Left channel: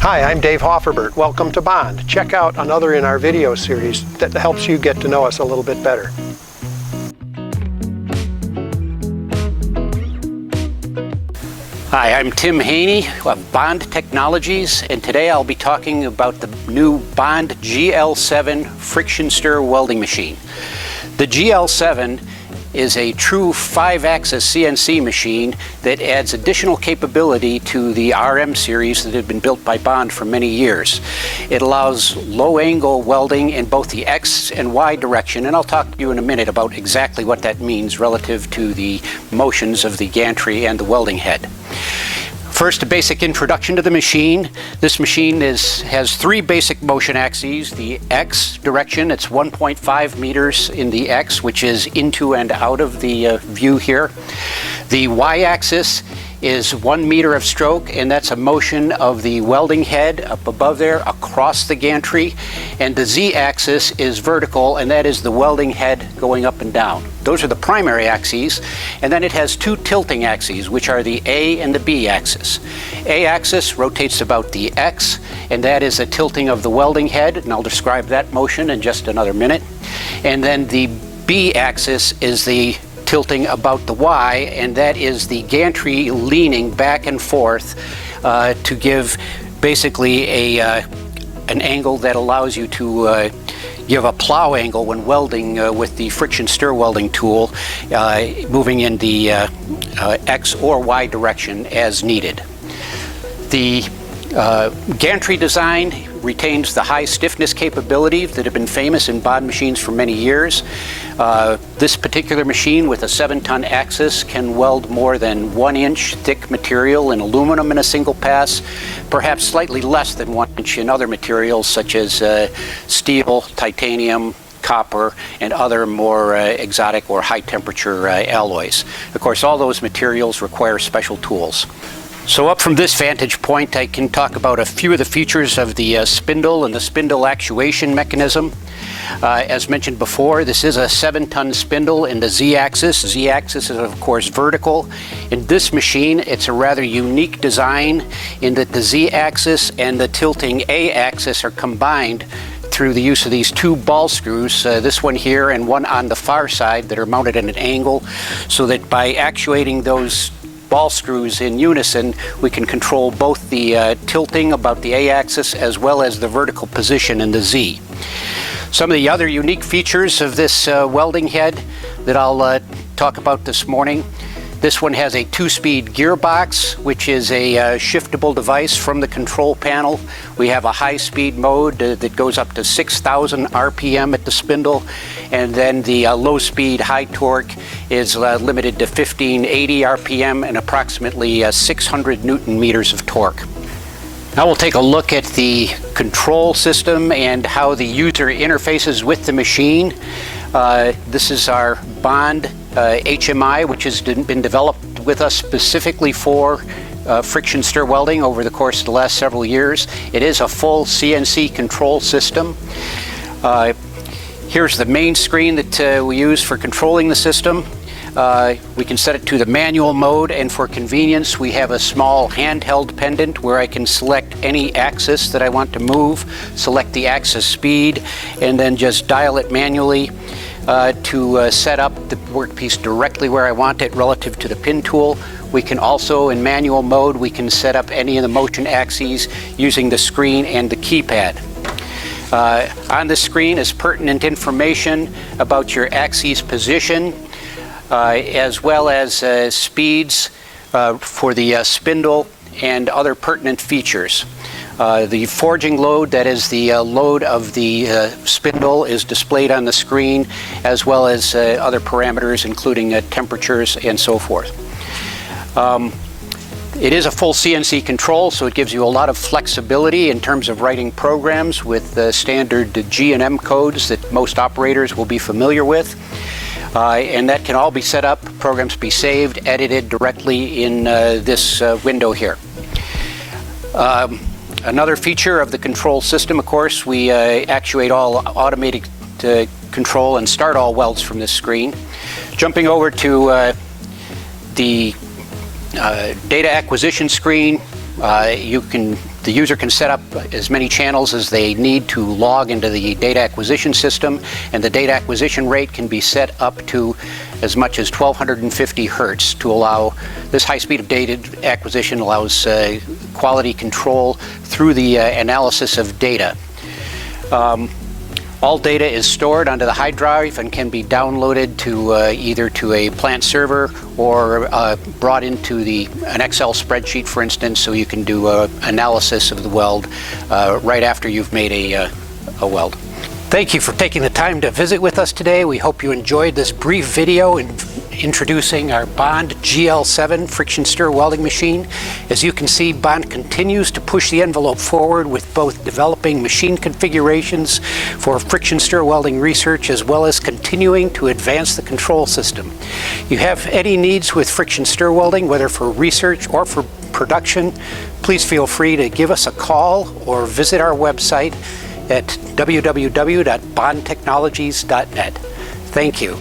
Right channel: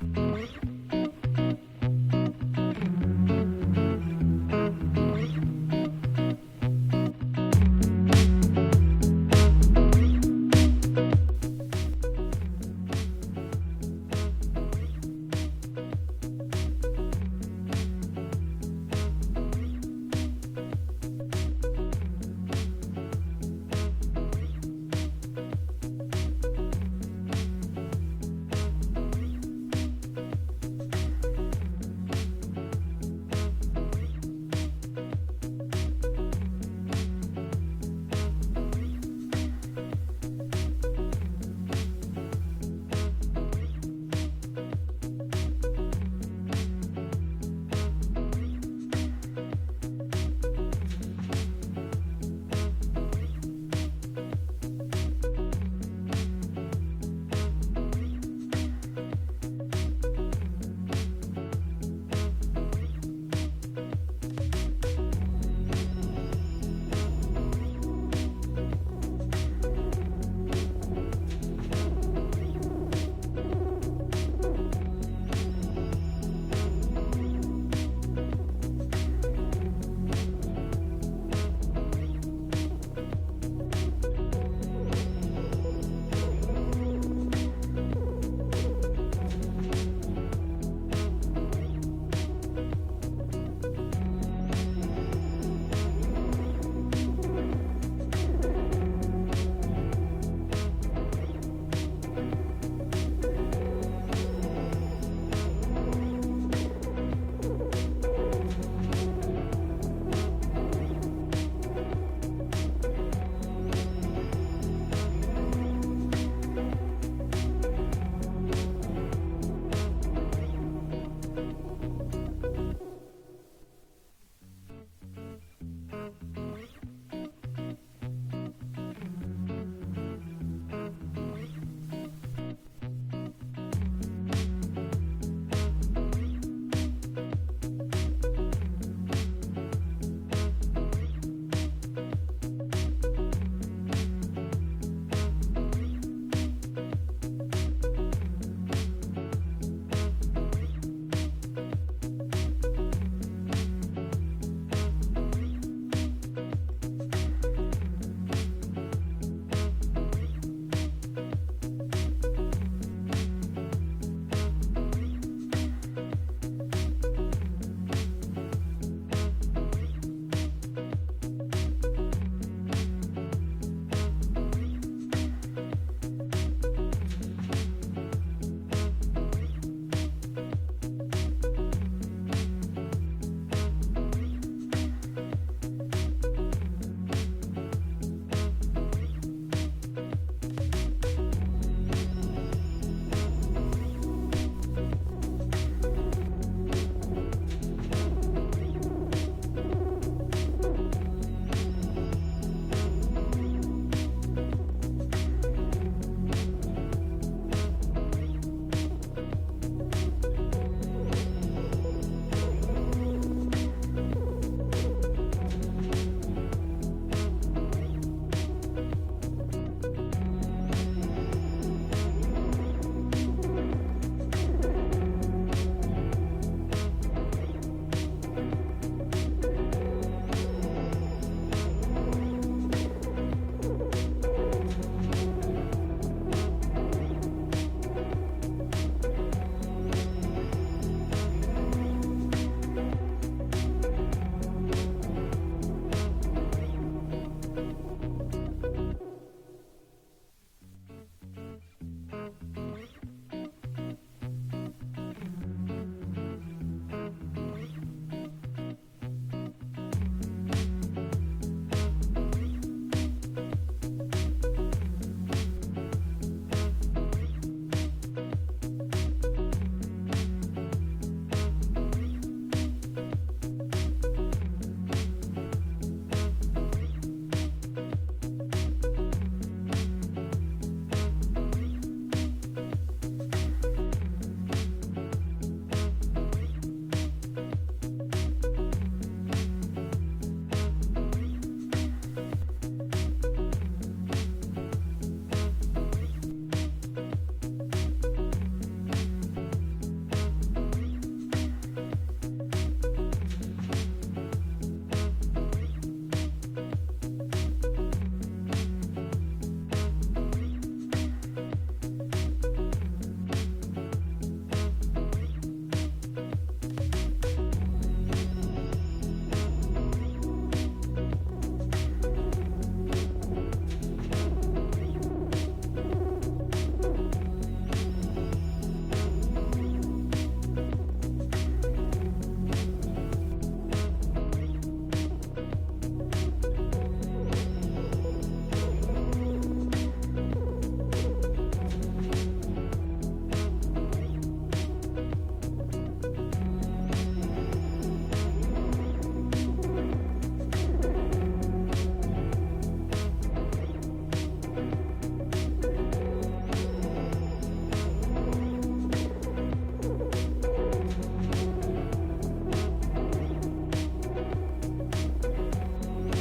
Hi, I'm Dave Hofferbert. Welcome to Bond. Check out another in our video series that helps you get to know us a little bit better. Hi, I'm Tim Haney of Bond Technologies, and today I'll be talking about the new Bond GL7 friction stir welding machine. The GL7 is a true 5-axis CNC machine that adds additional capability to the RM series that have been built by Bond for many years. It allows low-angle welding in both the X and Y direction, and I'll talk to you in a minute about exactly what that means relative to the motions of the gantry and the welding head. First, a basic introduction to the machine. This machine has 3 basic motion axes. The X direction, it's 1.5 meters in the X, which is into and out of the view here. The Y-axis is 1 meter of stroke, and that's a motion of the welding head up above there across the gantry. And the Z-axis is vertical, and that is the welding head going up and down. Those are the primary axes. And then it has 2 tilting axes, which are the A and the B axis. A-axis rotates about the X, and that is a tilting of the welding head, and I'll describe that motion in just another minute. And then the B-axis is the tilting about the Y, and that is the gantry leaning back and forth to give basically an angle that allows you to give a plow angle when welding with the friction stir welding tool, moving in the X or Y direction as needed. The gantry design retains the high stiffness capability that have been famous in Bond machines for many years. This particular machine with a 7-ton axis can weld more than 1-inch thick material in aluminum in a single pass, perhaps slightly less than 1 inch in other materials such as steel, titanium, copper, and other more exotic or high temperature alloys. Of course, all those materials require special tools. So up from this vantage point, I can talk about a few of the features of the spindle and the spindle actuation mechanism. As mentioned before, this is a 7-ton spindle in the Z-axis. Z-axis is, of course, vertical. In this machine, it's a rather unique design in that the Z-axis and the tilting A-axis are combined through the use of these 2 ball screws, this one here and one on the far side, that are mounted at an angle, so that by actuating those ball screws in unison, we can control both the tilting about the A-axis as well as the vertical position in the Z. Some of the other unique features of this welding head that I'll talk about this morning. This one has a 2-speed gearbox, which is a shiftable device from the control panel. We have a high-speed mode that goes up to 6,000 RPM at the spindle, and then the low-speed high torque is limited to 1580 RPM and approximately 600 Newton meters of torque. Now we'll take a look at the control system and how the user interfaces with the machine. This is our Bond HMI, which has been developed with us specifically for friction stir welding over the course of the last several years. It is a full CNC control system. Here's the main screen that we use for controlling the system. We can set it to the manual mode, and for convenience we have a small handheld pendant where I can select any axis that I want to move, select the axis speed, and then just dial it manually to set up the workpiece directly where I want it relative to the pin tool. We can also, in manual mode, we can set up any of the motion axes using the screen and the keypad. On the screen is pertinent information about your axis position, as well as speeds for the spindle and other pertinent features. The forging load, that is the load of the spindle, is displayed on the screen, as well as other parameters including temperatures and so forth. It is a full CNC control, so it gives you a lot of flexibility in terms of writing programs with standard G&M codes that most operators will be familiar with. And that can all be set up, programs be saved, edited directly in this window here. Another feature of the control system, of course, we actuate all automated control and start all welds from this screen. Jumping over to the data acquisition screen. The user can set up as many channels as they need to log into the data acquisition system, and the data acquisition rate can be set up to as much as 1250 hertz to allow this high speed of data acquisition allows quality control through the analysis of data. All data is stored onto the hard drive and can be downloaded to either to a plant server or brought into an Excel spreadsheet, for instance, so you can do analysis of the weld right after you've made a weld. Thank you for taking the time to visit with us today. We hope you enjoyed this brief video introducing our Bond GL7 friction stir welding machine. As you can see, Bond continues to push the envelope forward with both developing machine configurations for friction stir welding research as well as continuing to advance the control system. You have any needs with friction stir welding, whether for research or for production, please feel free to give us a call or visit our website at www.bondtechnologies.net. Thank you.